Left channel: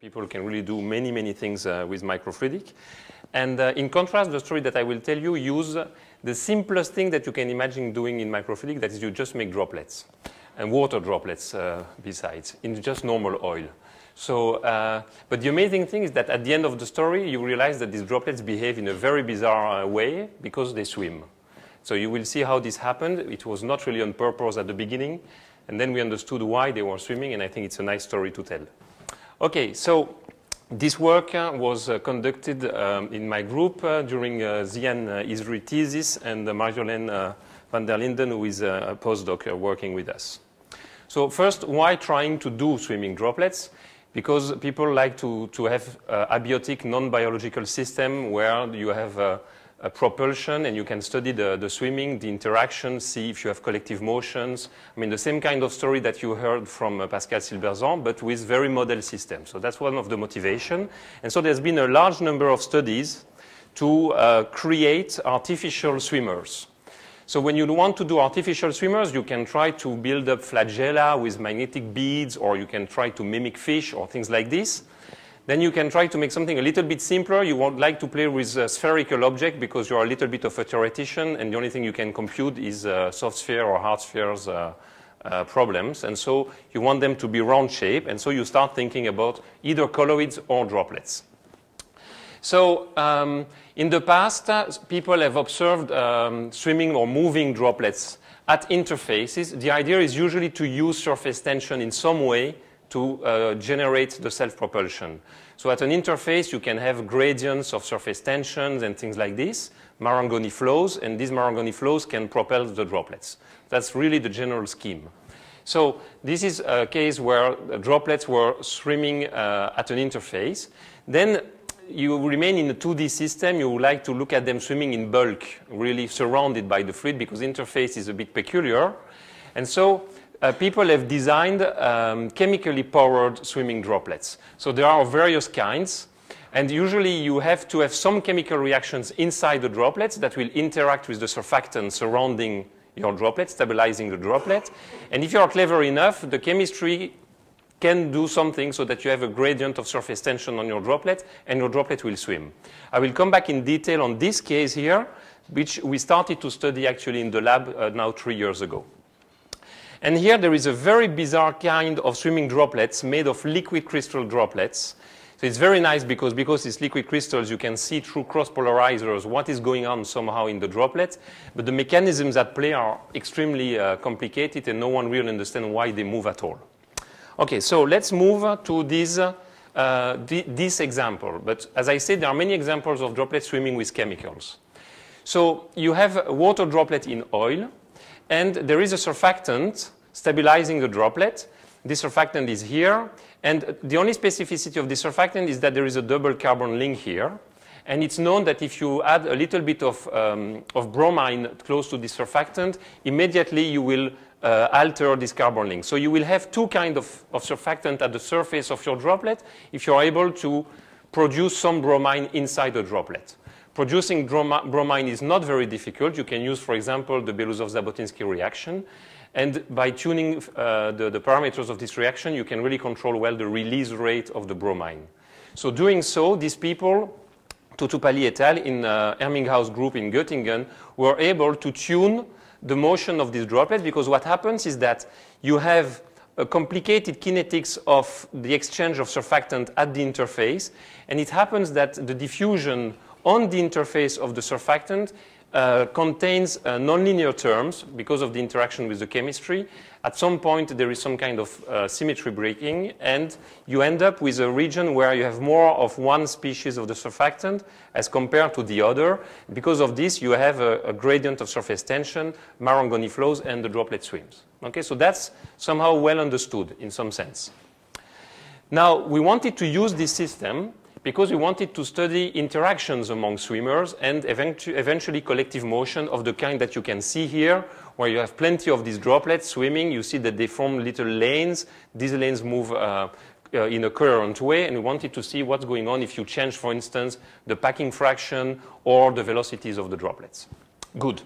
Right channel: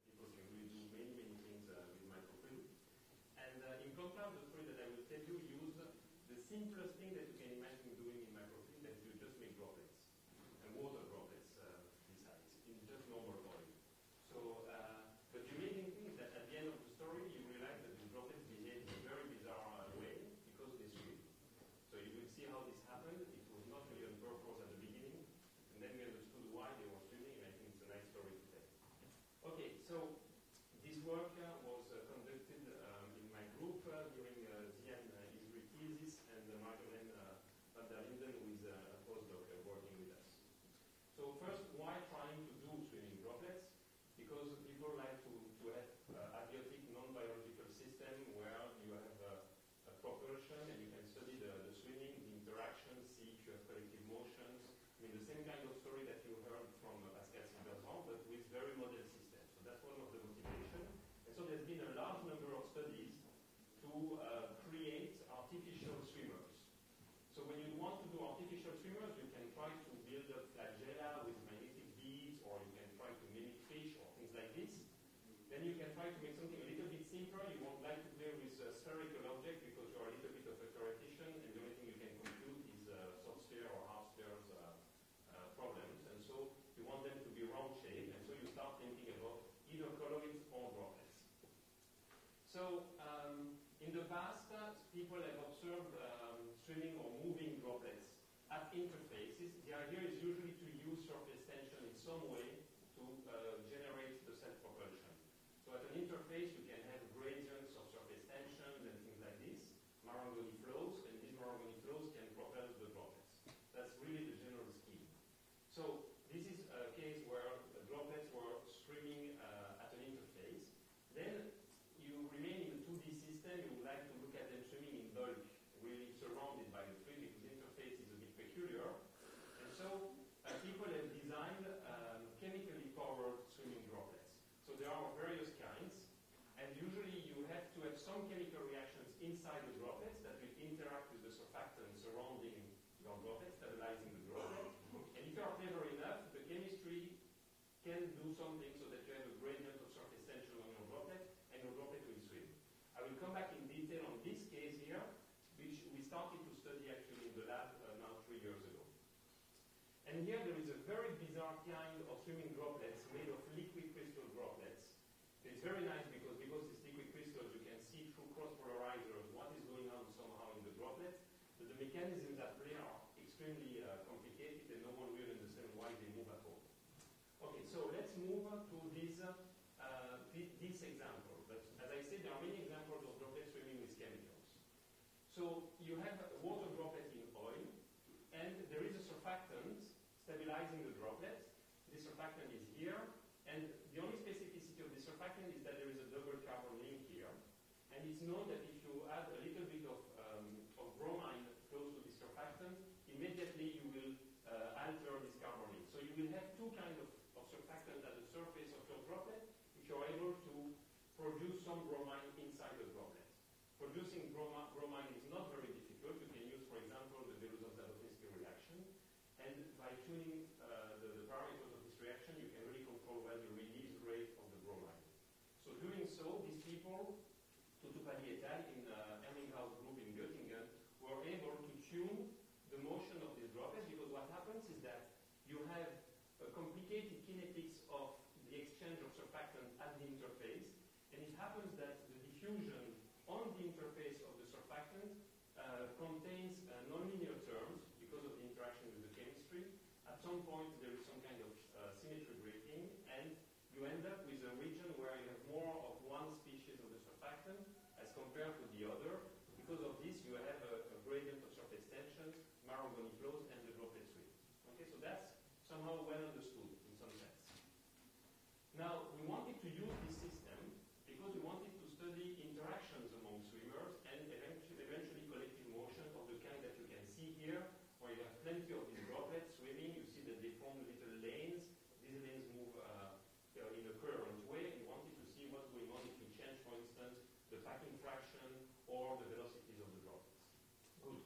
People can really do many, many things with microfluidic. And in contrast, the story that I will tell you use the simplest thing that you can imagine doing in microfluidic, that is you just make droplets, and water droplets besides, in just normal oil. So, but the amazing thing is that at the end of the story, you realize that these droplets behave in a very bizarre way because they swim. So you will see how this happened. It was not really on purpose at the beginning, and then we understood why they were swimming, and I think it's a nice story to tell. Okay, so this work was conducted in my group during Zian Isri thesis and Marjolaine van der Linden, who is a postdoc working with us. So first, why trying to do swimming droplets? Because people like to have abiotic, non-biological system where you have a propulsion and you can study the swimming, the interaction, see if you have collective motions. I mean, the same kind of story that you heard from Pascal Silberzan, but with very model systems. So that's one of the motivation. And so there's been a large number of studies to create artificial swimmers. So when you want to do artificial swimmers, you can try to build up flagella with magnetic beads, or you can try to mimic fish or things like this. Then you can try to make something a little bit simpler. You won't like to play with a spherical object because you're a little bit of a theoretician, and the only thing you can compute is soft sphere or hard spheres problems. And so you want them to be round shape, and so you start thinking about either colloids or droplets. So in the past, people have observed swimming or moving droplets at interfaces. The idea is usually to use surface tension in some way to generate the self-propulsion. So at an interface, you can have gradients of surface tensions and things like this, Marangoni flows, and these Marangoni flows can propel the droplets. That's really the general scheme. So this is a case where the droplets were swimming at an interface. Then you remain in a 2D system. You would like to look at them swimming in bulk, really surrounded by the fluid, because interface is a bit peculiar. And so people have designed chemically powered swimming droplets. So there are various kinds. And usually you have to have some chemical reactions inside the droplets that will interact with the surfactant surrounding your droplet, stabilizing the droplet. And if you are clever enough, the chemistry can do something so that you have a gradient of surface tension on your droplet, and your droplet will swim. I will come back in detail on this case here, which we started to study actually in the lab now 3 years ago. And here there is a very bizarre kind of swimming droplets made of liquid crystal droplets. So it's very nice because it's liquid crystals, you can see through cross polarizers what is going on somehow in the droplet. But the mechanisms at play are extremely complicated, and no one really understands why they move at all. Okay, so let's move to this example. But as I said, there are many examples of droplets swimming with chemicals. So you have a water droplet in oil, and there is a surfactant stabilizing the droplet. This surfactant is here. And the only specificity of this surfactant is that there is a double carbon link here. And it's known that if you add a little bit of bromine close to this surfactant, immediately you will alter this carbon link. So you will have two kinds of surfactant at the surface of your droplet if you're able to produce some bromine inside the droplet. Producing bromine is not very difficult. You can use, for example, the Belousov-Zhabotinsky reaction. And by tuning the parameters of this reaction, you can really control well the release rate of the bromine. So doing so, these people, Tutupalli et al. In Herminghaus group in Göttingen, were able to tune the motion of these droplets, because what happens is that you have a complicated kinetics of the exchange of surfactant at the interface, and it happens that the diffusion on the interface of the surfactant contains nonlinear terms because of the interaction with the chemistry. At some point, there is some kind of symmetry breaking, and you end up with a region where you have more of one species of the surfactant as compared to the other. Because of this, you have a gradient of surface tension, Marangoni flows, and the droplet swims. Okay, so that's somehow well understood in some sense. Now, we wanted to use this system because we wanted to study interactions among swimmers and eventually collective motion of the kind that you can see here, where you have plenty of these droplets swimming. You see that they form little lanes. These lanes move in a coherent way, and we wanted to see what's going on if you change, for instance, the packing fraction or the velocities of the droplets. Good.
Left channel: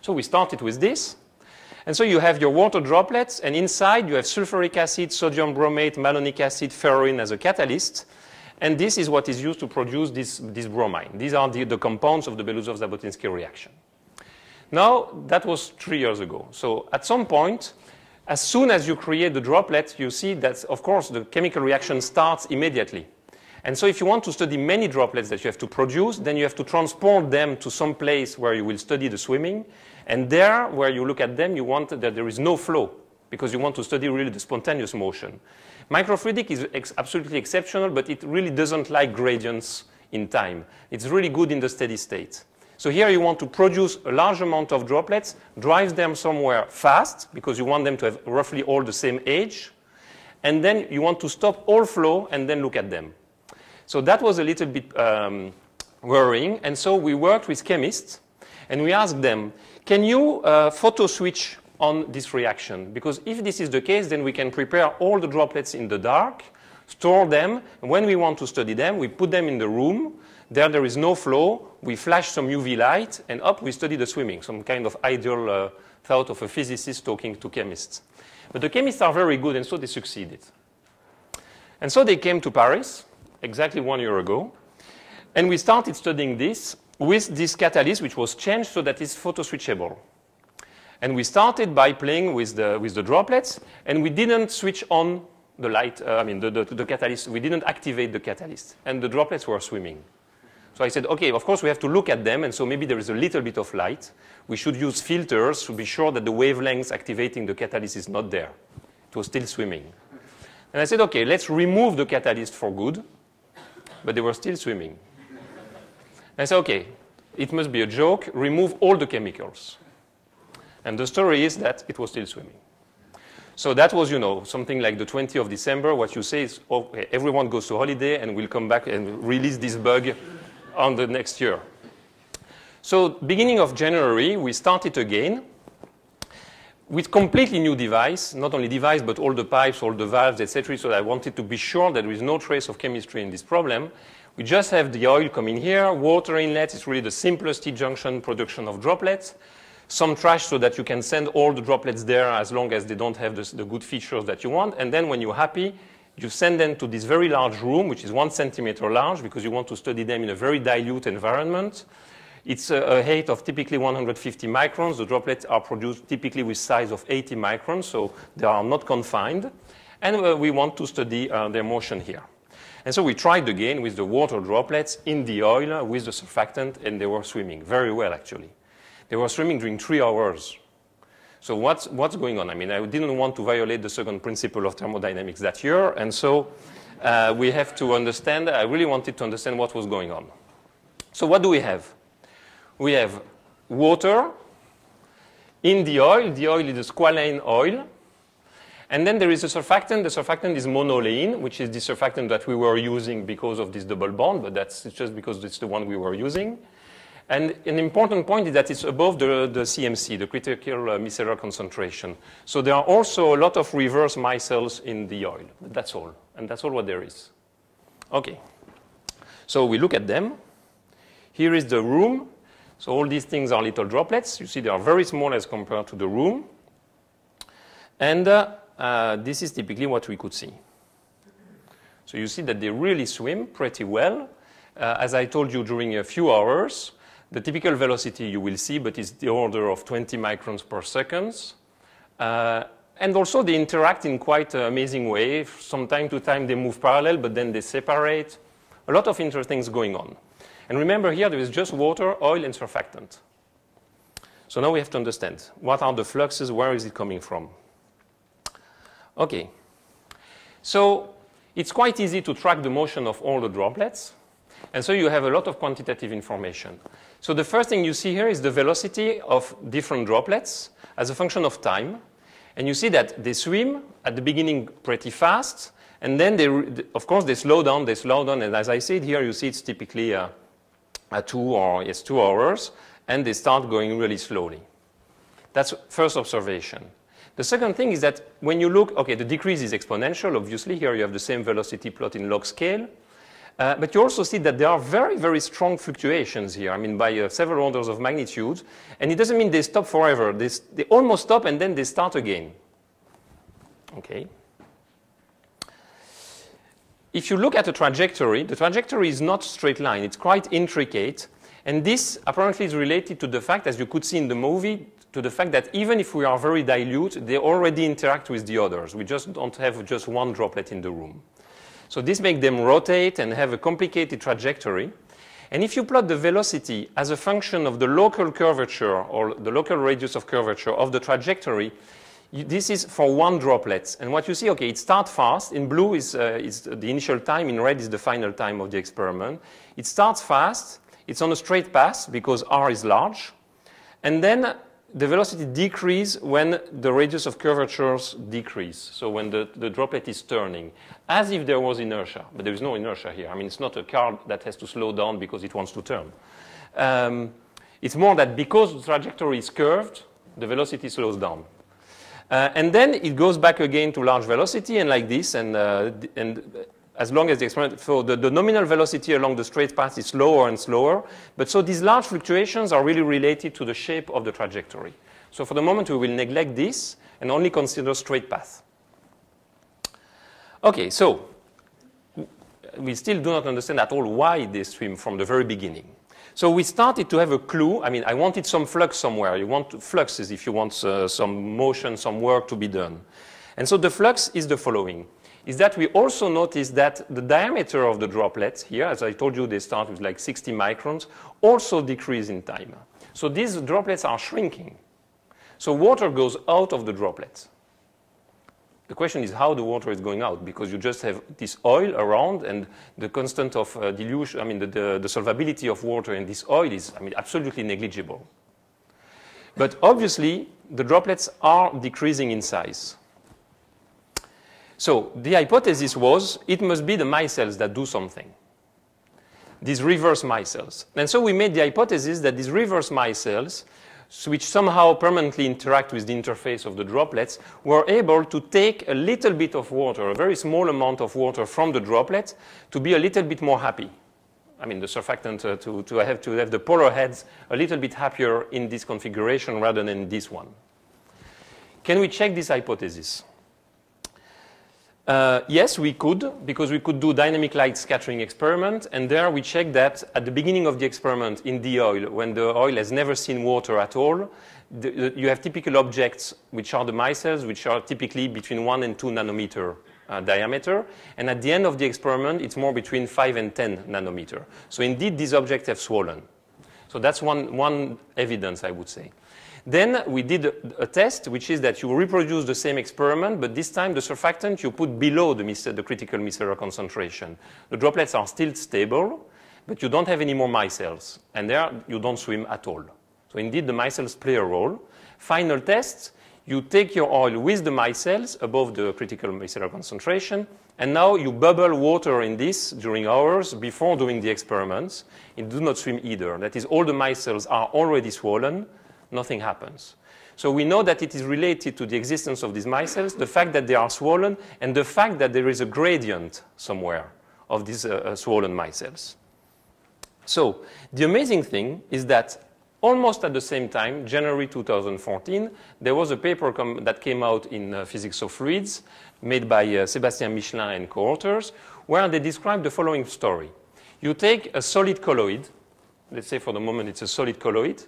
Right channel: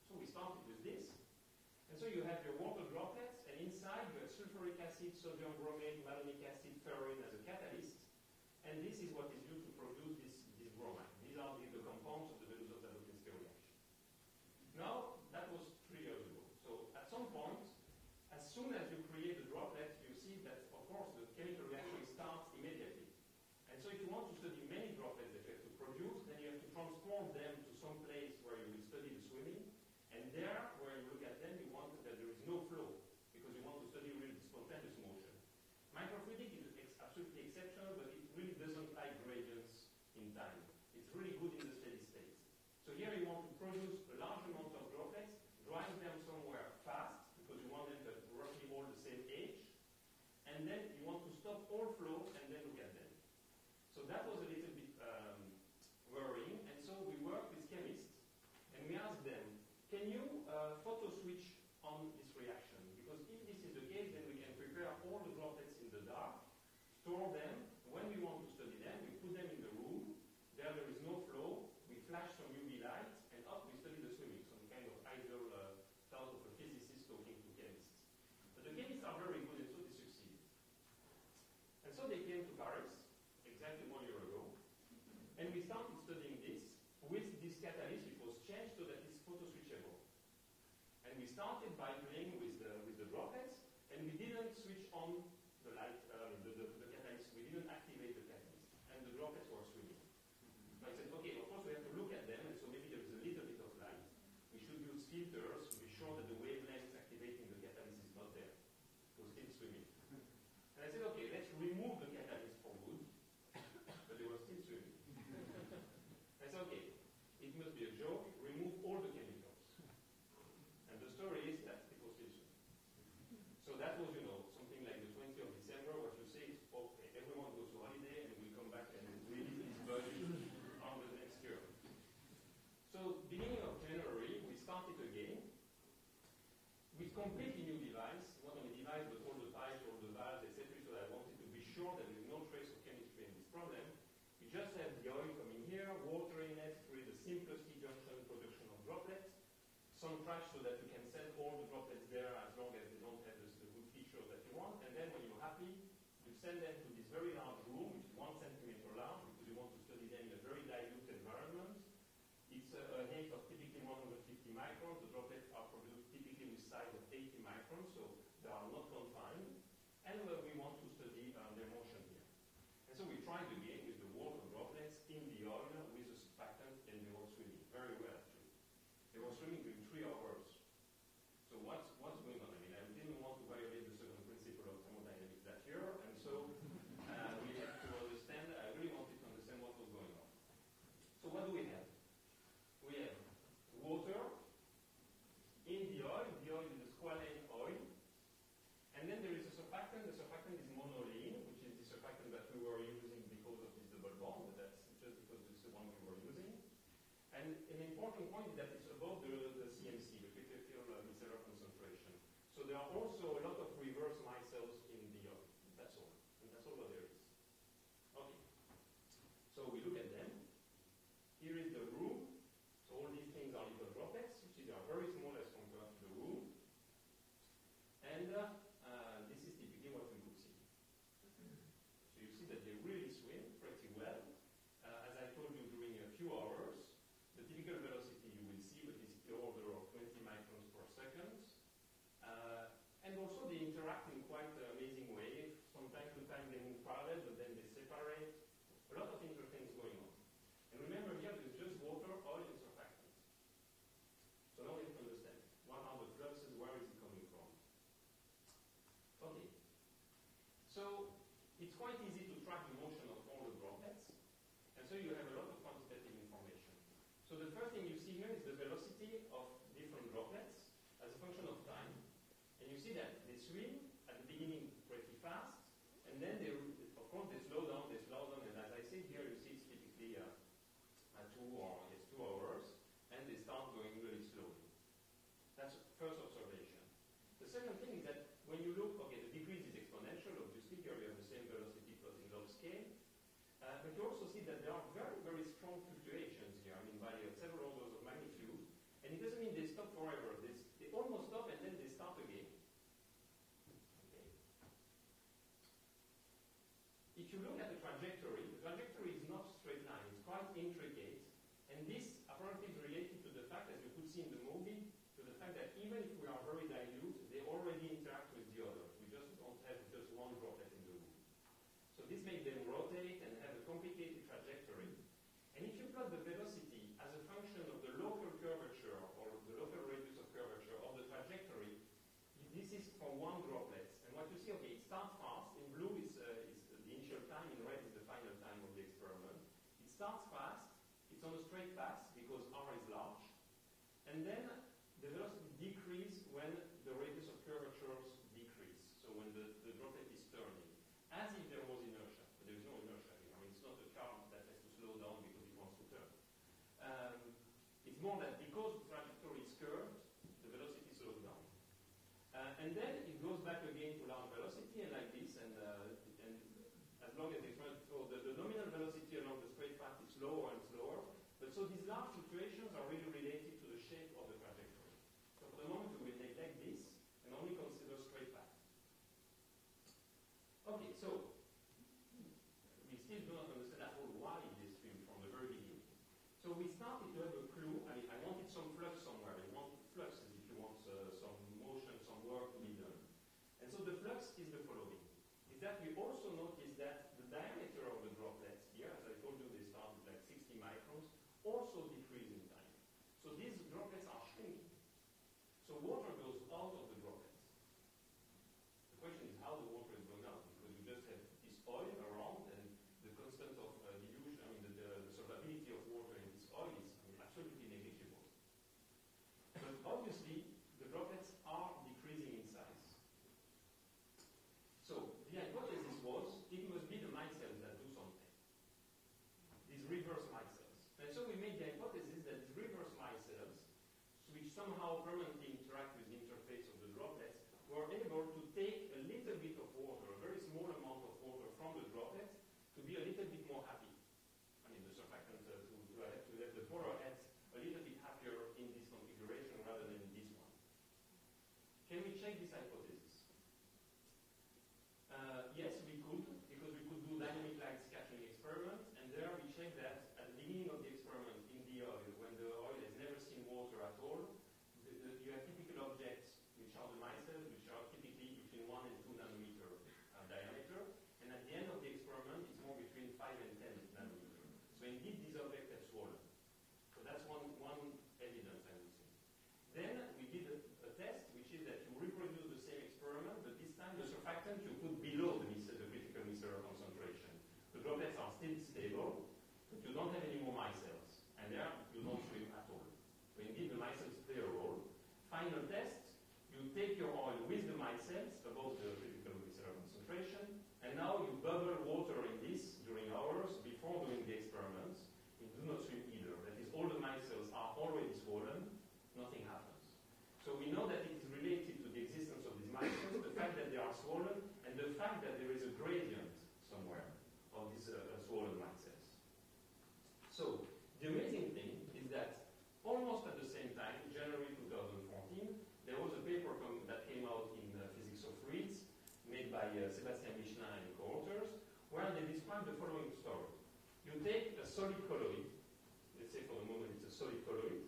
So we started with this. And so you have your water droplets, and inside you have sulfuric acid, sodium bromate, malonic acid, ferroin as a catalyst. And this is what is used to produce this bromine. These are the compounds of the Belousov-Zhabotinsky reaction. Now, that was 3 years ago. So at some point, as soon as you create the droplet, you see that, of course, the chemical reaction starts immediately. And so if you want to study many droplets that you have to produce, then you have to transport them to some place where you will study the swimming. And there, where you look at them, you want that there is no flow, because you want to study really the spontaneous motion. Microfluidic is absolutely exceptional, but it really doesn't like gradients in time. It's really good in the steady state. So here you want to produce a large amount of droplets, drive them somewhere fast, because you want them to have roughly all the same age. And then you want to stop all flow and then look at them. So that was a little bit worrying. And so we worked with chemists, and we asked them, can you photo switch on this reaction? Because if this is the case, then we can prepare all the droplets in the dark, store them, and when we want to study them, we put them in the room. There is no flow. We flash some UV light, and up we study the swimming, some kind of ideal thought of a physicist talking to chemists. But the chemists are very good, and so they succeeded. And so they came to Paris exactly 1 year ago, and we started studying this with this catalyst, which was changed so that it's photo-switchable. And we started by playing with the droplets, and we didn't switch on the light, the catalyst. We didn't activate the catalyst, and the droplets were swimming. So I said, okay, of course we have to look at them, and so maybe there is a little bit of light. We should use filters to be sure that the wavelengths activating the catalyst is not there. It was still swimming. And I said, okay, let's remove the catalyst for good, but they were still swimming. And I said, okay, it must be a joke, remove all the chemicals. And the story is that it was still swimming. So that was, you know, something like the 20th of December. What you say is, okay, everyone goes to holiday and we'll come back and release this bug on the next year. So beginning of January, we started again with completely new device, not only device, but all the pipes, all the valves, etc. So I wanted to be sure that there is no trace of chemistry in this problem. We just have the oil coming here, water inlet. It's really the simplest T-junction production of droplets. Some trash so that you can send all the droplets there as long as they don't have the good features that you want. And then when you're happy, you send them to this very large room, which is 1 centimeter large, because you want to study them in a very dilute environment. It's a height of typically 150 microns. The droplets are produced typically with size of 80 microns, so they are not confined. And we want to study their motion here. And so we tried again with the water droplets in the oil with the surfactant, and they were swimming very well, actually. They were swimming during 3 hours. So what's going on? I mean, I didn't want to violate the second principle of thermodynamics that year, and so we have to understand, I really wanted to understand what was going on. So what do we have? We have water in the oil. The oil is a squalane oil. And then there is a surfactant. The surfactant is monolein, which is the surfactant that we were using because of this double bond, but that's just because it's the one we were using. And an important point is that it's above the CMC, the critical micellar concentration. So there are also a lot of reverse micelles in the oil. But that's all. And that's all what there is. OK. So we look at them. Here is the room. So all these things are little droplets. You see they are very small as compared to the room. And this is typically what we could see. So you see that they really swim pretty well. As I told you, during a few hours, the typical velocity you will see, but it's the order of 20 microns per second. And also they interact in quite an amazing way. From time to time they move parallel, but then they separate. A lot of interesting things going on. And remember here there is just water, oil, and surfactant. So now we have to understand what are the fluxes, where is it coming from? OK. So it's quite easy to track the motion of all the droplets. And so you have a lot of quantitative information. So the first thing you see here is the velocity of different droplets as a function of time. And you see that they swim at the beginning pretty fast. And then, of course, they slow down. And as I said here, you see it's typically 2 hours. And they start going really slowly. That's first observation. The second thing is that when you look, OK, the decrease is exponential. Obviously, here you have the same velocity plot in log scale. But you also see that there are very, very strong fluctuations here, I mean, by several orders of magnitude. And it doesn't mean they stop forever. They almost stop, and then they start again. Okay. If you look at the trajectory is not straight line. It's quite intricate. And this apparently is related to the fact, as you could see in the movie, to the fact that even if we are very dilute, they already interact with the others. We just don't have just one droplet in the room. So this makes them rotate and have a complicated trajectory. And if you plot the velocity as a function of the local curvature or the local radius of curvature of the trajectory, this is for one droplet. And what you see, okay, it starts fast. In blue is the initial time. In red is the final time of the experiment. It starts fast. It's on a straight path because r is large. And then the velocity decreases when the radius of curvatures decrease. So when the droplet is turning, as if there was inertia. But there is no inertia here. I mean, it's not a car that has to slow down because it wants to turn. It's more that because the trajectory is curved, the velocity slows down. And then it goes back again to large velocity and like this. And as long as the experiment, so the nominal velocity along the straight path is slower and slower. But so these large fluctuations are really related to the shape of the trajectory. So for the moment, we will neglect this and only consider straight path. Okay, so we still do not understand at all why they swim from the very beginning. So we started to have a clue. I mean, I wanted some flux somewhere. You want fluxes if you want some motion, some work to be done. And so the flux is the following. Is that we also notice that the diameter of the droplets here, as I told you, they start with like 60 microns, also decrease in time. So these droplets are shrinking. So water goes out of the droplets. The question is how the water is going out, because you just have this oil around and the constant of dilution, I mean, the solvability of water in this oil is, I mean, absolutely negligible. But obviously, the droplets are decreasing in size. So the hypothesis was it must be the micelles that do something, these reverse micelles. And so we made the hypothesis that these reverse micelles, which somehow permanently interact with the interface of the droplets, were able to take a little bit of water, a very small amount of water from the droplet to be a little bit more happy. I mean, the surfactant to have the polar heads a little bit happier in this configuration rather than in this one. Can we check this hypothesis? Yes, we could, because we could do dynamic light scattering experiment, and there we checked that at the beginning of the experiment in the oil, when the oil has never seen water at all, you have typical objects which are the micelles, which are typically between 1 and 2 nanometer diameter, and at the end of the experiment, it's more between 5 and 10 nanometer. So indeed, these objects have swollen. So that's one evidence, I would say. Then we did a test, which is that you reproduce the same experiment, but this time the surfactant you put below the critical micellar concentration. The droplets are still stable, but you don't have any more micelles, and there you don't swim at all. So indeed, the micelles play a role. Final test, you take your oil with the micelles above the critical micellar concentration, and now you bubble water in this during hours before doing the experiments. It does not swim either. That is, all the micelles are already swollen. Nothing happens. So we know that it is related to the existence of these micelles, the fact that they are swollen, and the fact that there is a gradient somewhere of these swollen micelles. So the amazing thing is that almost at the same time, January 2014, there was a paper that came out in Physics of Fluids made by Sébastien Michelin and co-authors, where they describe the following story. You take a solid colloid, let's say for the moment it's a solid colloid,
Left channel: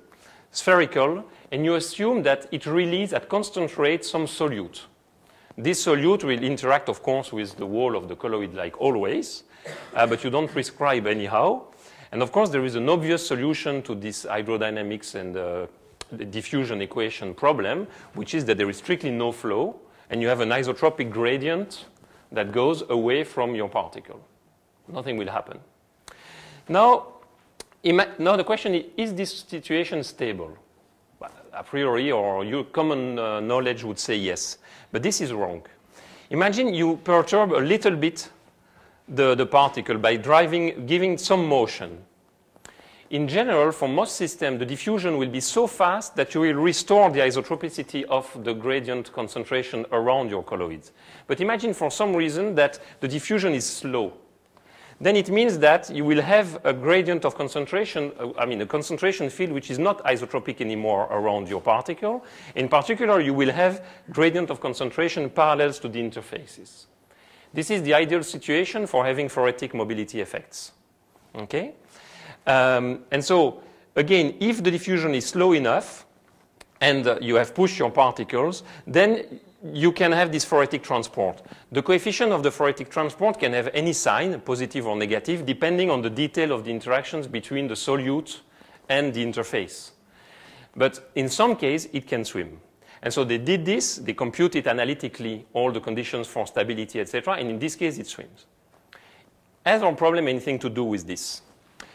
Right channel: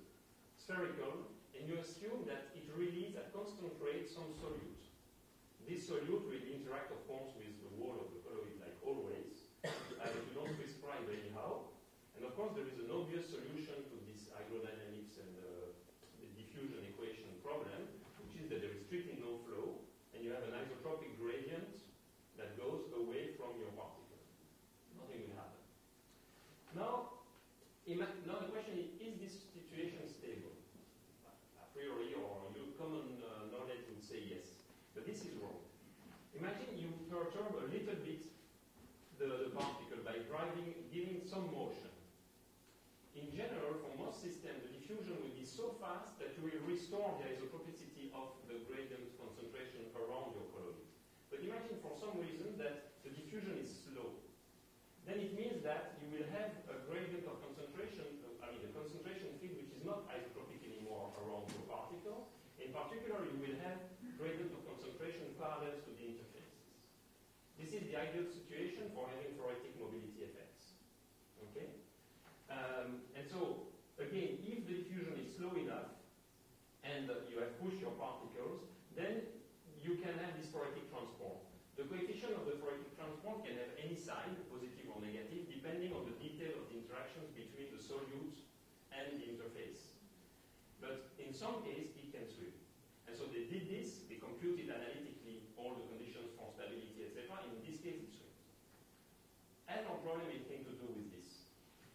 spherical, and you assume that it releases at constant rate some solute. This solute will interact, of course, with the wall of the colloid like always, but you don't prescribe anyhow. And of course, there is an obvious solution to this hydrodynamics and the diffusion equation problem, which is that there is strictly no flow, and you have an isotropic gradient that goes away from your particle. Nothing will happen. Now the question is this situation stable? Well, a priori, or your common knowledge would say yes. But this is wrong. Imagine you perturb a little bit the particle by giving some motion. In general, for most systems, the diffusion will be so fast that you will restore the isotropicity of the gradient concentration around your colloids. But imagine for some reason that the diffusion is slow. then it means that you will have a gradient of concentration, a concentration field which is not isotropic anymore around your particle. In particular, you will have gradient of concentration parallels to the interfaces. This is the ideal situation for having phoretic mobility effects. Okay? And so, again, if the diffusion is slow enough and you have pushed your particles, then you can have this phoretic transport. The coefficient of the phoretic transport can have any sign, positive or negative, depending on the detail of the interactions between the solute and the interface. But in some cases, it can swim. And so they did this, they computed analytically all the conditions for stability, etc., and in this case, it swims. Has our problem anything to do with this?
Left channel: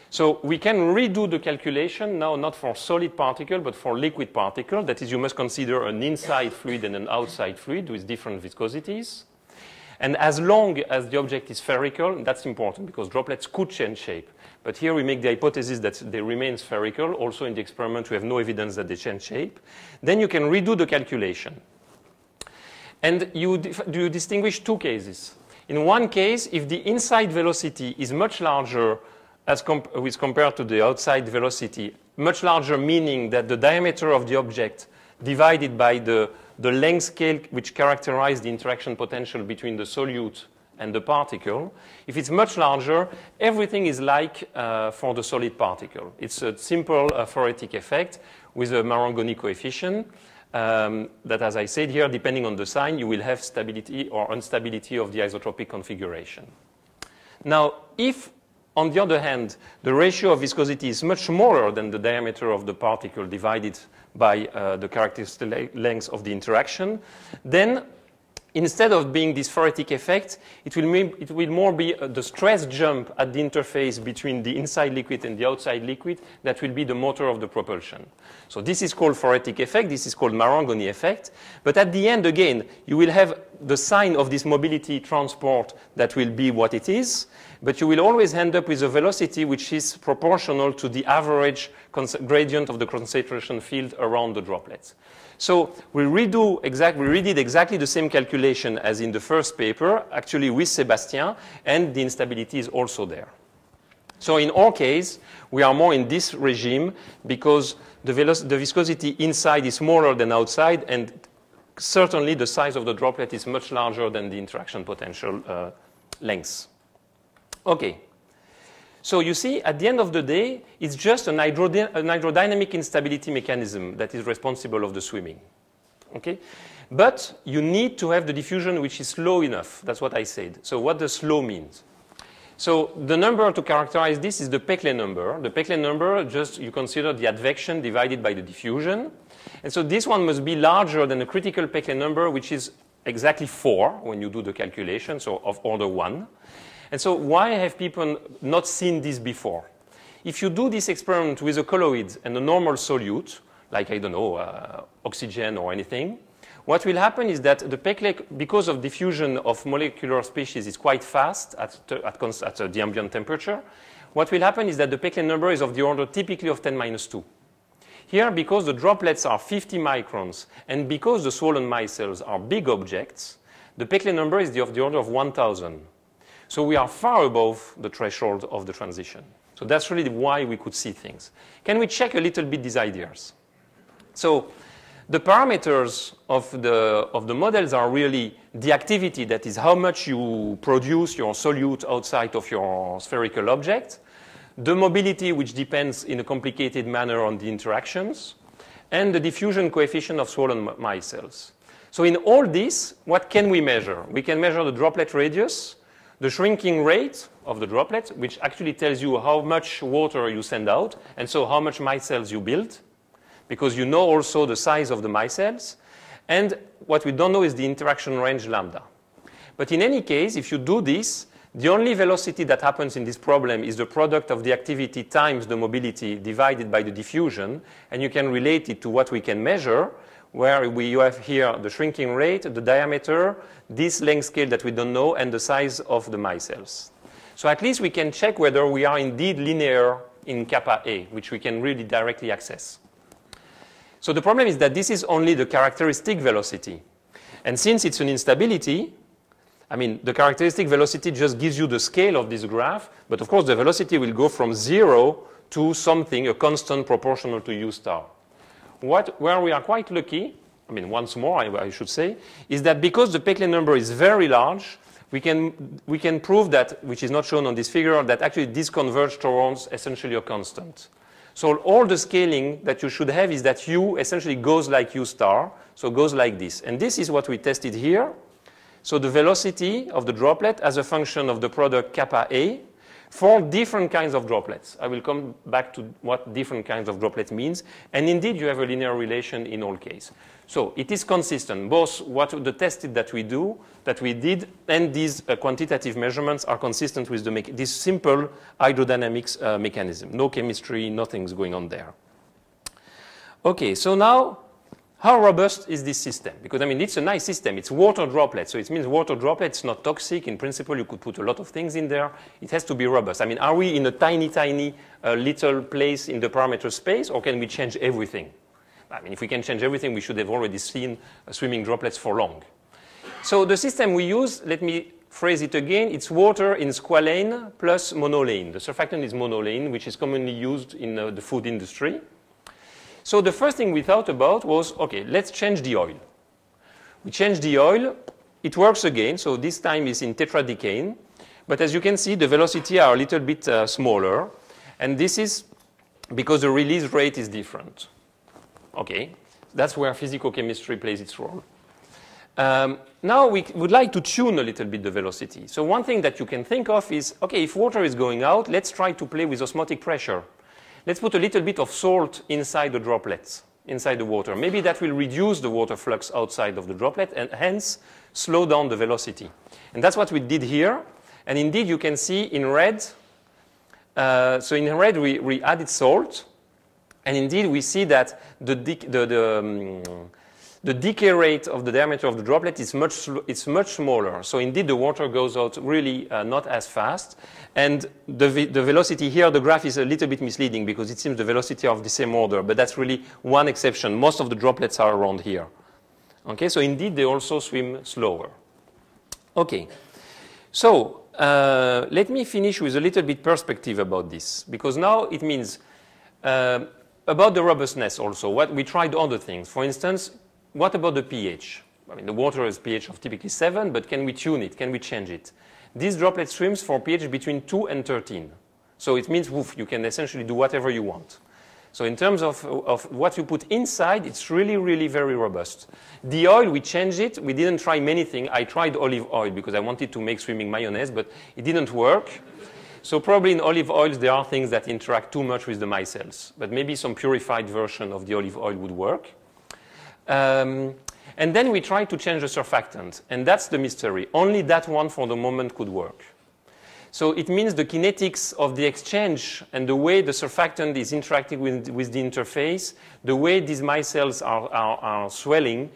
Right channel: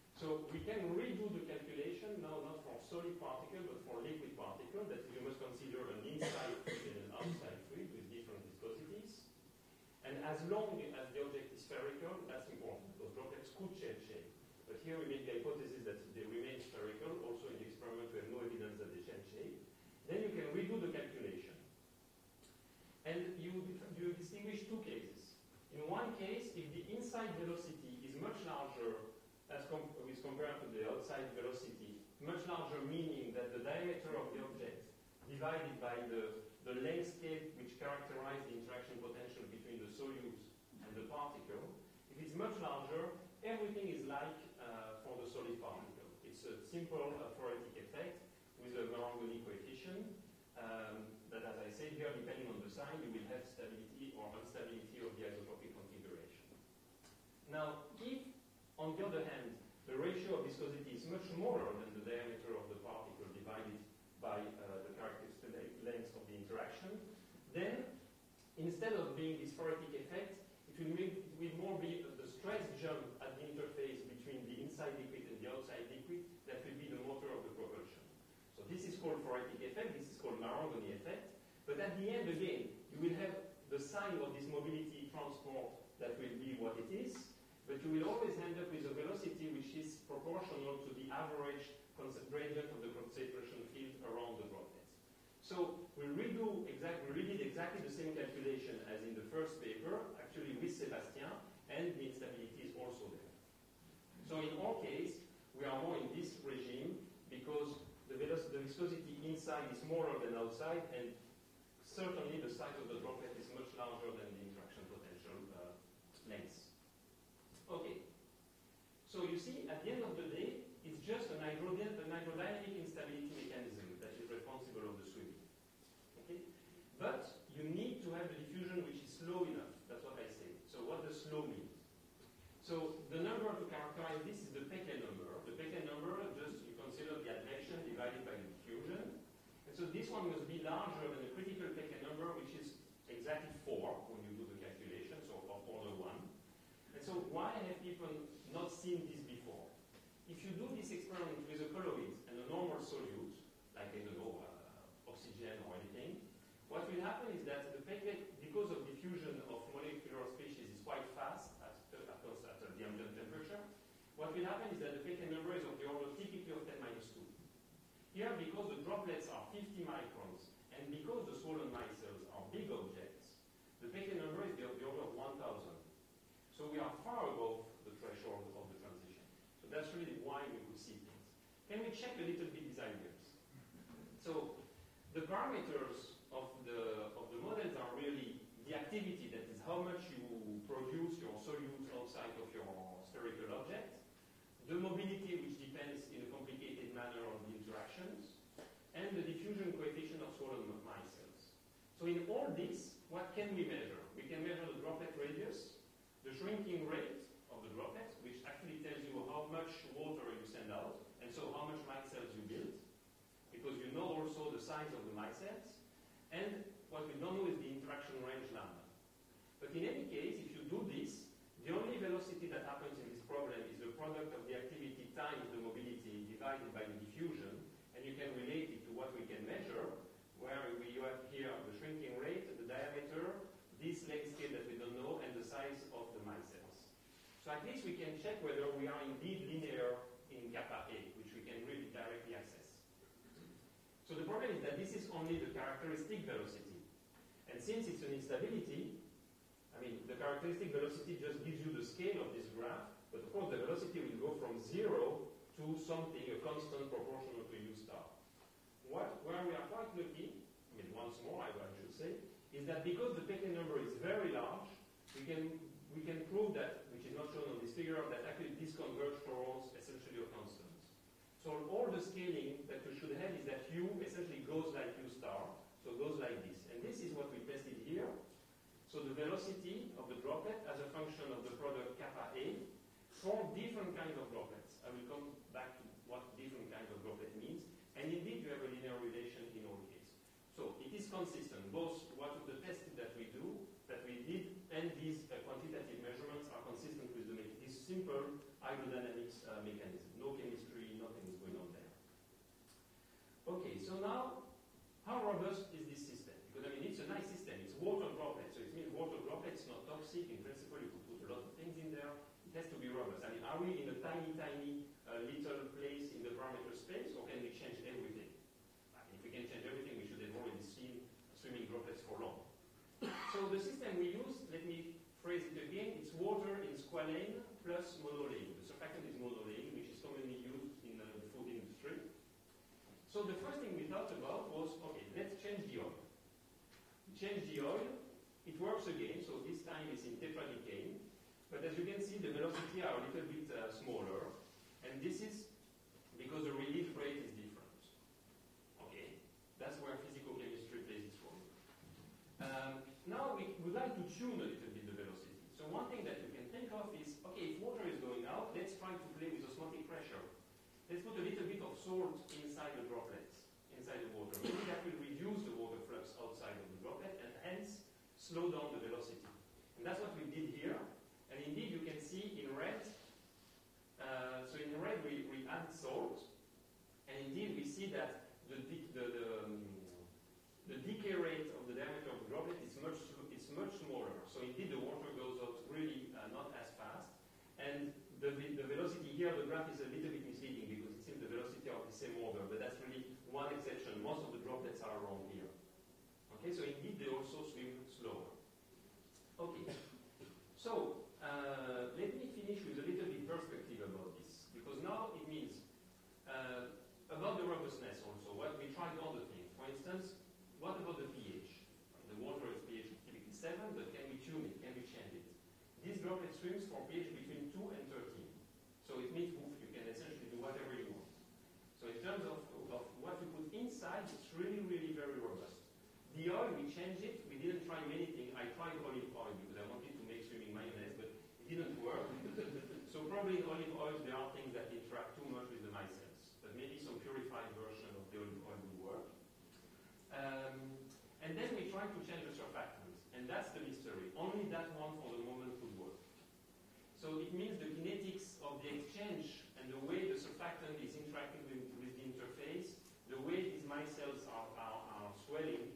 So we can redo the calculation now, not for solid particle, but for liquid particle. That is, you must consider an inside fluid and an outside fluid with different viscosities. And as long as the object is spherical, that's important because droplets could change shape. But here we make the hypothesis that they remain spherical. Also in the experiment, we have no evidence that they change shape. Then you can redo the calculation. And you distinguish two cases. In one case, if the inside velocity is much larger as compared to the outside velocity, much larger meaning that the diameter of the object divided by the length scale which characterizes the interaction potential between the solute and the particle, if it's much larger, everything is like for the solid particle. It's a simple phoretic effect with a Marangoni coefficient that, as I said here, depending on the sign, you will have stability or instability of the isotropic configuration. Now, if on the other hand, the ratio of viscosity is much smaller than the diameter of the particle divided by the characteristic length of the interaction, then instead of being this phoretic effect, it will more be the stress jump at the interface between the inside liquid and the outside liquid that will be the motor of the propulsion. So this is called phoretic effect. This is called Marangoni effect. But at the end, again, you will have the sign of this mobility transport that will be what it is. But you will always end up with a velocity which is proportional to the average gradient of the concentration field around the droplets. So we redid exactly the same calculation as in the first paper, actually with Sébastien, and the instability is also there. So in our case, we are more in this regime because the viscosity inside is smaller than outside, and certainly the size of the droplet is much larger than the interaction potential length. Okay. So you see, at the end of the day, it's just an hydrodynamic instability mechanism that is responsible of the swimming. Okay? But you need to have the diffusion which is slow enough. That's what I said. So what does slow mean? So the number to characterize this is the Peclet number. The Peclet number, just you consider the advection divided by the diffusion. And so this one must be larger than the critical Peclet number, which is exactly 4 when you do the calculation, so of order 1. And so why have people not seen this before? If you do this experiment with a colloid and a normal solute, like, I don't know, oxygen or anything, what will happen is that the Peclet, because of diffusion of molecular species is quite fast at the ambient temperature, what will happen is that the Peclet number is of the order typically of 10⁻². Here, because the droplets are 50 microns and because the swollen micelles are big objects, the Peclet number is of the order of 1,000. So we are far above the threshold of the transition. So that's really why we could see things. Can we check a little bit these ideas? So the parameters of the models are really the activity, that is how much you produce your solute outside of your spherical object, the mobility, which depends in a complicated manner on the interactions, and the diffusion coefficient of swollen micelles. So in all this, what can we measure? We can measure the droplet radius, the shrinking rate of the droplet, which actually tells you how much water you send out, and so how much micelles you build, because you know also the size of the micelles. And what we don't know is the interaction range lambda. But in any case, if you do this, the only velocity that happens in this problem is the product of the activity times the mobility divided by the diffusion, and you can relate it to what we can measure, where you have here the shrinking rate, the diameter, this length scale that we don't know, and the size of the micelles. So at least we can check whether we are indeed linear in kappa A, which we can really directly access. So the problem is that this is only the characteristic velocity. And since it's an instability, I mean, the characteristic velocity just gives you the scale of this graph, but of course the velocity will go from 0 to something, a constant proportional to u star. Where we are quite lucky, I mean, once more, I should say, is that because the Peclet number is very large, we can prove that, which is not shown on this figure, that actually this converges towards essentially a constant. So all the scaling that you should have is that u essentially goes like u star, so goes like this. And this is what we tested here. So the velocity of the droplet as a function of the product kappa A for different kinds of droplets. I will come back to what different kinds of droplets means. And indeed, you have a linear relation in all cases. So it is consistent. Both what the tested that we did, and these quantitative measurements are consistent with this simple hydrodynamics mechanism. No chemistry, nothing's going on there. Okay, so now, how robust is this system? Because, I mean, it's a nice system. It's water droplets. So it means water droplets, not toxic. In principle, you could put a lot of things in there. It has to be robust. I mean, are we in a tiny, tiny little place in the parameter space, or can we change everything? I mean, if we can change everything, we should have already seen swimming droplets for long. So the system we use, let me phrase it again, it's water in squalane plus monolane. The surfactant is monolane, which is commonly used in the food industry. So the first thing we thought about was, okay, let's change the oil. We change the oil, it works again, so this time it's in tetradecane. But as you can see, the velocity are a little bit smaller. And this is because the release rate is different. Okay, that's where physicochemistry plays its role. Now we would like to tune a little bit the velocity. So one thing that you can think of is, okay, if water is going out, let's try to play with osmotic pressure. Let's put a little bit of salt inside the droplets, inside the water. Maybe that will reduce the water flux outside of the droplet and hence slow down the velocity. And that's what we did here. And indeed, you can see in red, so in red we added salt. And indeed, we see that the decay rate of the diameter of the droplet is much smaller. So indeed, the water goes out really not as fast. And the velocity here, the graph is a little bit misleading because it seems the velocity are of the same order. But that's really one exception. Most of the droplets are around here. Okay, so indeed, they also swim slower. Okay, so let me finish with a little bit perspective about this. Because now it means about the robustness also. What we tried other things. For instance, what about the pH? I mean, the water has pH of typically 7, but can we tune it? Can we change it? This droplet swims for pH between 2 and 13. So it means, woof, you can essentially do whatever you want. So in terms of what you put inside, it's really, really very robust. The oil, we changed it. We didn't try many things. I tried olive oil because I wanted to make swimming mayonnaise, but it didn't work. So probably in olive oils, there are things that interact too much with the micelles. But maybe some purified version of the olive oil would work. And then we tried to change the surfactant. And that's the mystery. Only that one for the moment could work. So it means the kinetics of the exchange and the way the surfactant is interacting with the interface, the way these micelles are swelling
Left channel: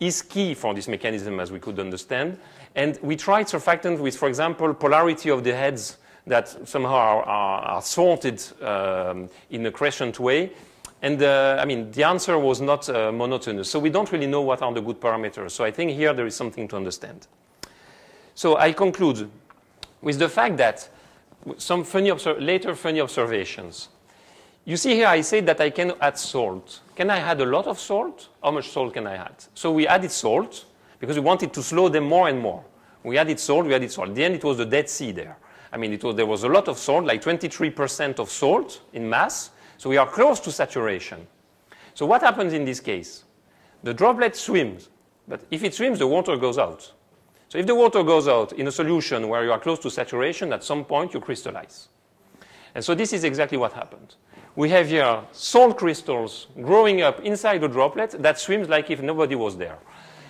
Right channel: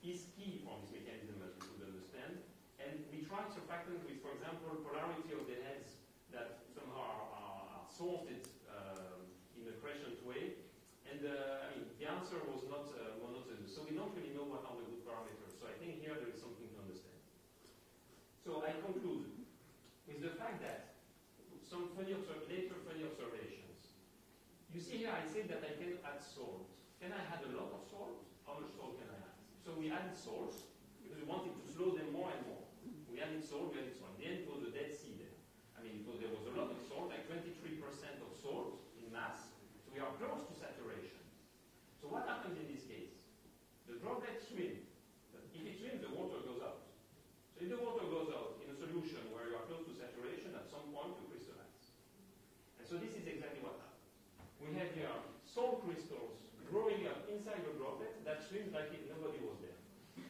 is key for this mechanism, as we could understand. And we tried surfactant with, for example, polarity of the heads that somehow are sorted in a crescent way. And I mean, the answer was not monotonous. So we don't really know what are the good parameters. So I think here there is something to understand. So I conclude with the fact that some later funny observations. You see here I said that I can add salt. Can I add a lot of salt? How much salt can I add? So we added salt because we wanted to slow them more and more. We added salt, we added salt. At the end it was the Dead Sea there. I mean, there was a lot of salt, like 23% of salt in mass. So we are close to saturation. So what happens in this case? The droplet swims, but if it swims, the water goes out. So if the water goes out in a solution where you are close to saturation, at some point you crystallize. And so this is exactly what happened. We have here salt crystals growing up inside the droplet that swims like if nobody was there.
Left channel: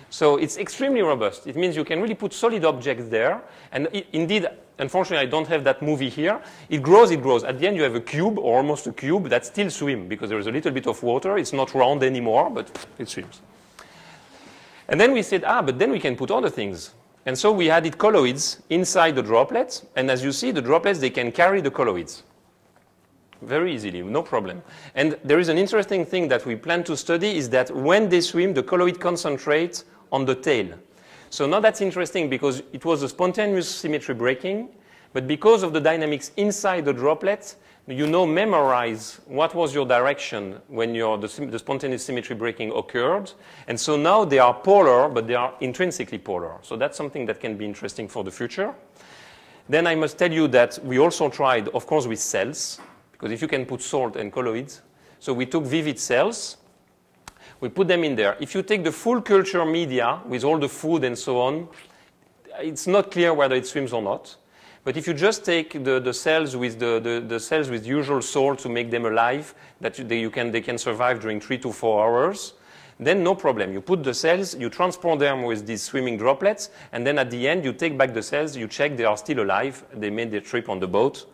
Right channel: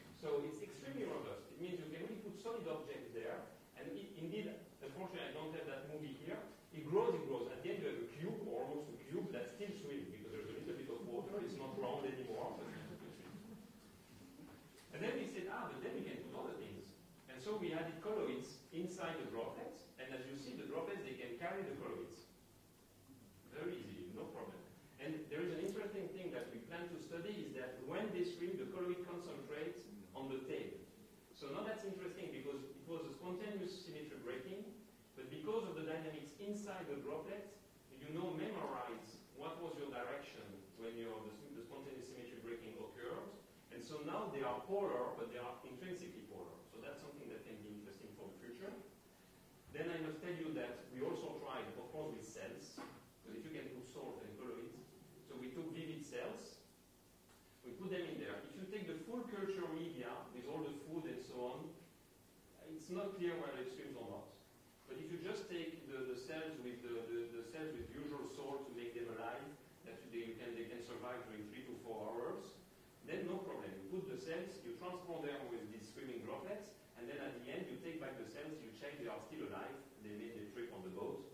So it's extremely robust. It means you can really put solid objects there. And indeed, unfortunately, I don't have that movie here. It grows, it grows. At the end, you have a cube, or almost a cube, that still swims because there is a little bit of water. It's not round anymore, but it swims. And then we said, but then we can put other things. And so we added colloids inside the droplets. And as you see, the droplets, they can carry the colloids very easily, no problem. And there is an interesting thing that we plan to study is that when they swim, the colloid concentrates on the tail. So now that's interesting because it was a spontaneous symmetry breaking, but because of the dynamics inside the droplet, you now memorize what was your direction when the spontaneous symmetry breaking occurred. And so now they are polar, but they are intrinsically polar. So that's something that can be interesting for the future. Then I must tell you that we also tried, of course, with cells, because if you can put salt and colloids. So we took vivid cells. We put them in there. If you take the full culture media with all the food and so on, it's not clear whether it swims or not. But if you just take the cells with the cells with usual salt to make them alive, that they can survive during 3 to 4 hours, then no problem. You put the cells, you transport them with these swimming droplets, and then at the end you take back the cells, you check they are still alive, they made their trip on the boat,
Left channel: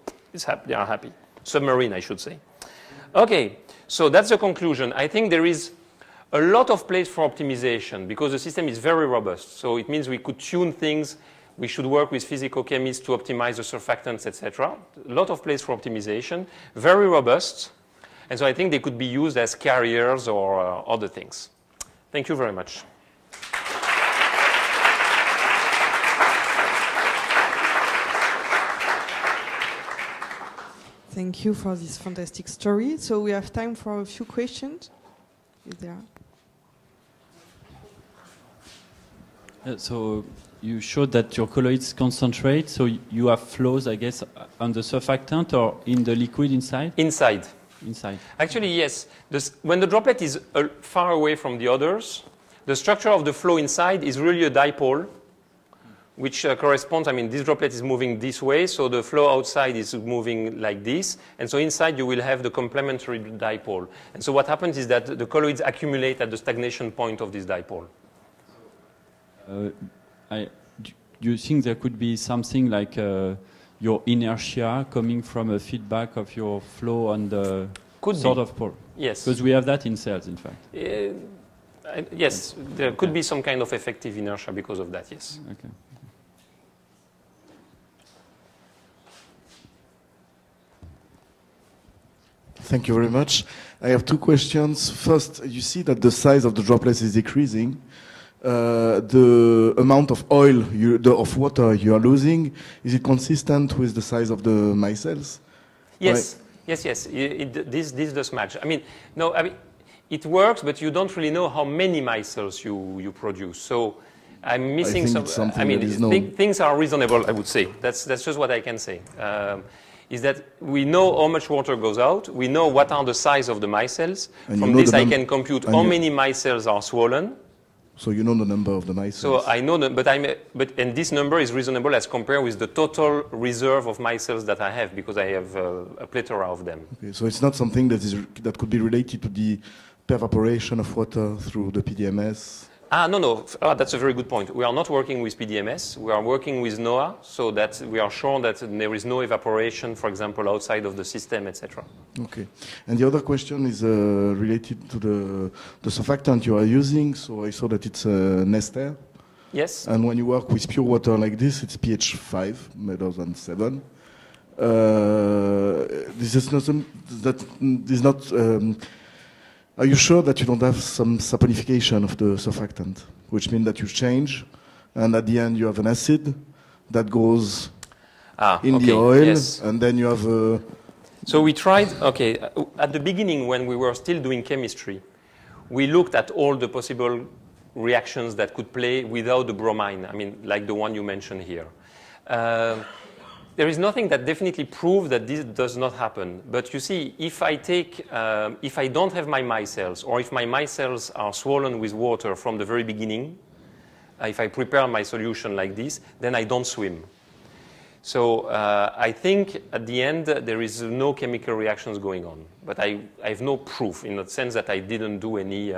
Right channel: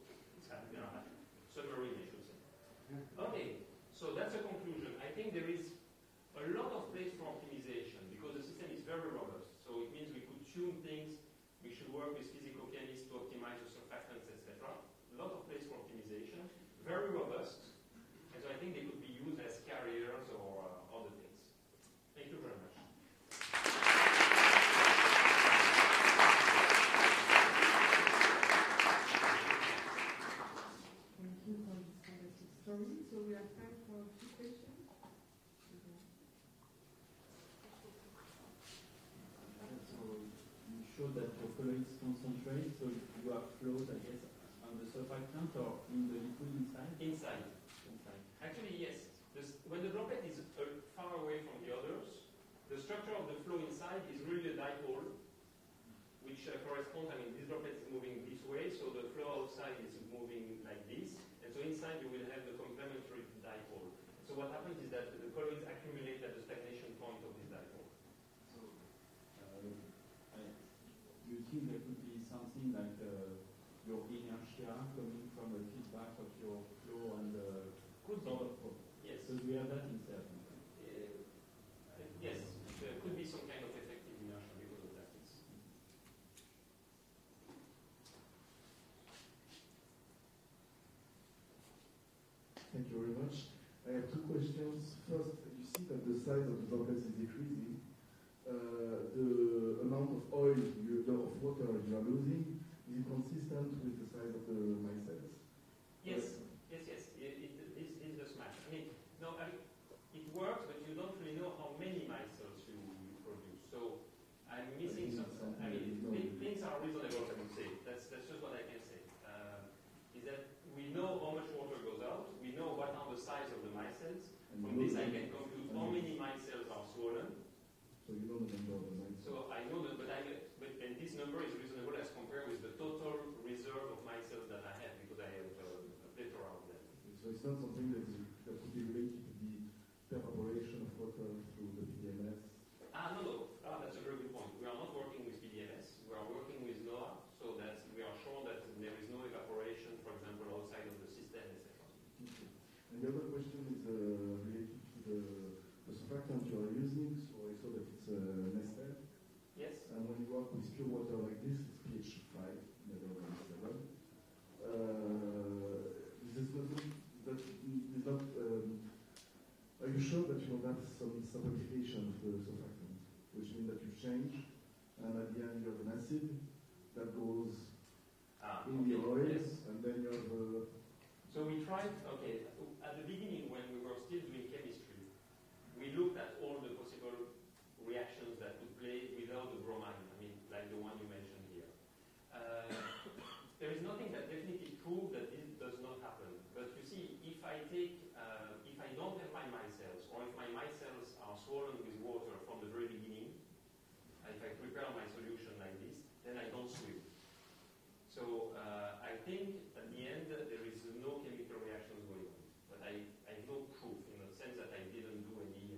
they are happy. Submarine, I should say. Okay, so that's the conclusion. I think there is a lot of place for optimization because the system is very robust. So it means we could tune things. We should work with physicochemists to optimize the surfactants, etc. A lot of place for optimization, very robust. And so I think they could be used as carriers or other things. Thank you very much. Thank you for this fantastic story. So we have time for a few questions. Is there? So you showed that your colloids concentrate, so you have flows, I guess, on the surfactant or in the liquid inside? Inside. Inside. Actually, yes. When the droplet is far away from the others, the structure of the flow inside is really a dipole, which corresponds, I mean, this droplet is moving this way, so the flow outside is moving like this. And so inside you will have the complementary dipole. And so what happens is that the colloids accumulate at the stagnation point of this dipole. Do you think there could be something like your inertia coming from a feedback of your flow on the sort of pole? Yes. Because we have that in cells, in fact. Yes, there could be some kind of effective inertia because of that, yes. Okay. Thank you very much. I have 2 questions. First, you see that the size of the droplets is decreasing. The amount of oil, of water you are losing, is it consistent with the size of the micelles? Yes, right. Yes. This does match. I mean, no, it works, but you don't really know how many micelles you produce. So I'm missing some. I mean, things are reasonable, I would say. That's just what I can say. Is that we know how much water goes out. We know what are the size of the micelles. From this, I can compute how many micelles are swollen. So you know the number of the micelles. So I know that, and this number is reasonable as compared with the total reserve of micelles that I have because I have a plethora of them. Okay, so it's not something that could be related to the pervaporation of water through the PDMS. No. That's a very good point. We are not working with PDMS. We are working with NOAA so that we are sure that there is no evaporation, for example, outside of the system, etc. Okay. And the other question is related to the surfactant you are using. So I saw that it's an ester. Yes. And when you work with pure water like this, it's pH 5 rather than 7. Are you sure that you don't have some saponification of the surfactant, which means that you change, and at the end you have an acid that goes in the oil, yes. And then you have a... So we tried, at the beginning when we were still doing chemistry, we looked at all the possible reactions that could play without the bromine, I mean, like the one you mentioned here. There is nothing that definitely proves that this does not happen. But you see, if I don't have my micelles, or if my micelles are swollen with water from the very beginning, if I prepare my solution like this, then I don't swim. So I think at the end, there is no chemical reactions going on. But I have no proof in the sense that I didn't do any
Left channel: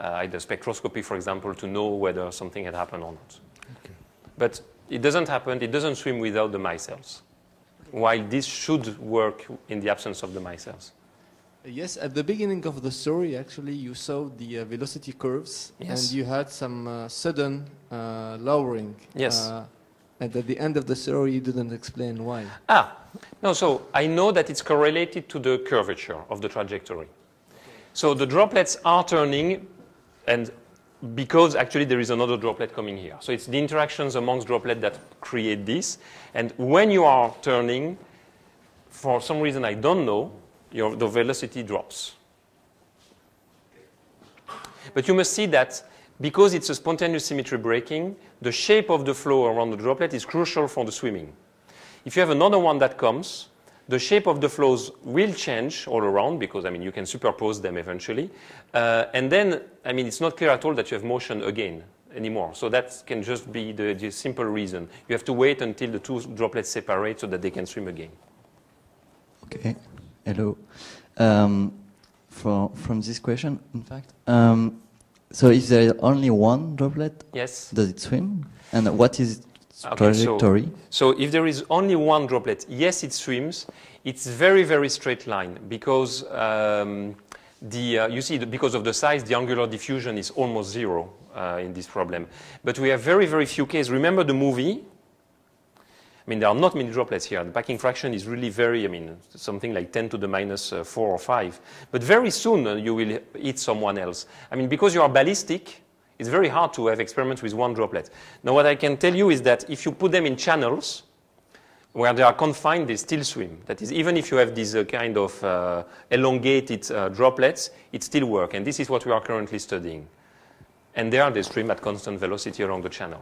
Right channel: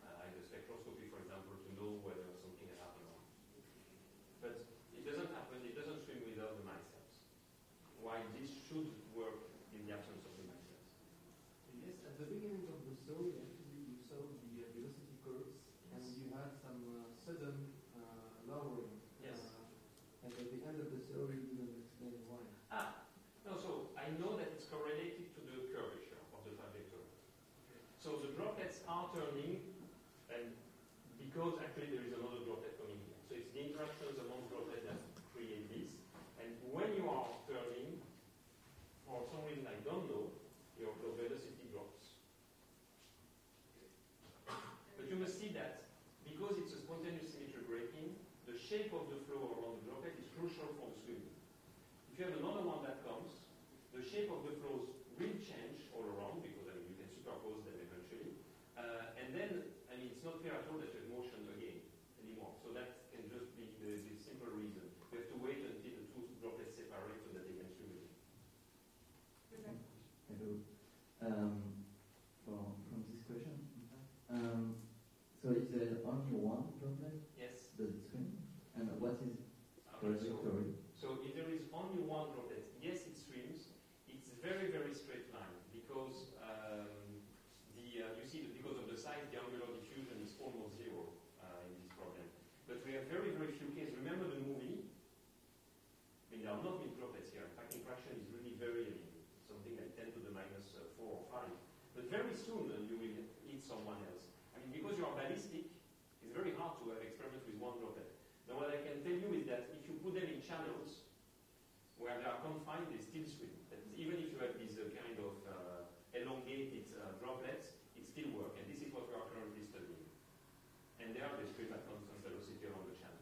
either spectroscopy, for example, to know whether something had happened or not. Okay. But it doesn't happen, it doesn't swim without the micelles, while this should work in the absence of the micelles. Yes, at the beginning of the story, actually, you saw the velocity curves, yes. And you had some sudden lowering. Yes. And at the end of the story, you didn't explain why. No, so I know that it's correlated to the curvature of the trajectory. So the droplets are turning, because actually there is another droplet coming here. So it's the interactions amongst droplets that create this. And when you are turning, for some reason I don't know, the velocity drops. But you must see that because it's a spontaneous symmetry breaking, the shape of the flow around the droplet is crucial for the swimming. If you have another one that comes, the shape of the flows will change all around because, I mean, you can superpose them eventually. And then, I mean, it's not clear at all that you have motion again anymore. So that can just be the simple reason. You have to wait until the two droplets separate so that they can swim again. Okay. Hello. From this question, in fact, so if there is only one droplet, yes, does it swim? And what is its trajectory? So if there is only one droplet, yes, it swims. It's very, very straight line because you see, because of the size, the angular diffusion is almost zero in this problem. But we have very, very few cases. Remember the movie? I mean, there are not many droplets here. The packing fraction is really very, I mean, something like 10 to the minus 4 or 5. But very soon you will hit someone else. I mean, because you are ballistic, it's very hard to have experiments with one droplet. Now, what I can tell you is that if you put them in channels where they are confined, they still swim. That is, even if you have these kind of elongated droplets, it still works. And this is what we are currently studying. And there they swim at constant velocity along the channel.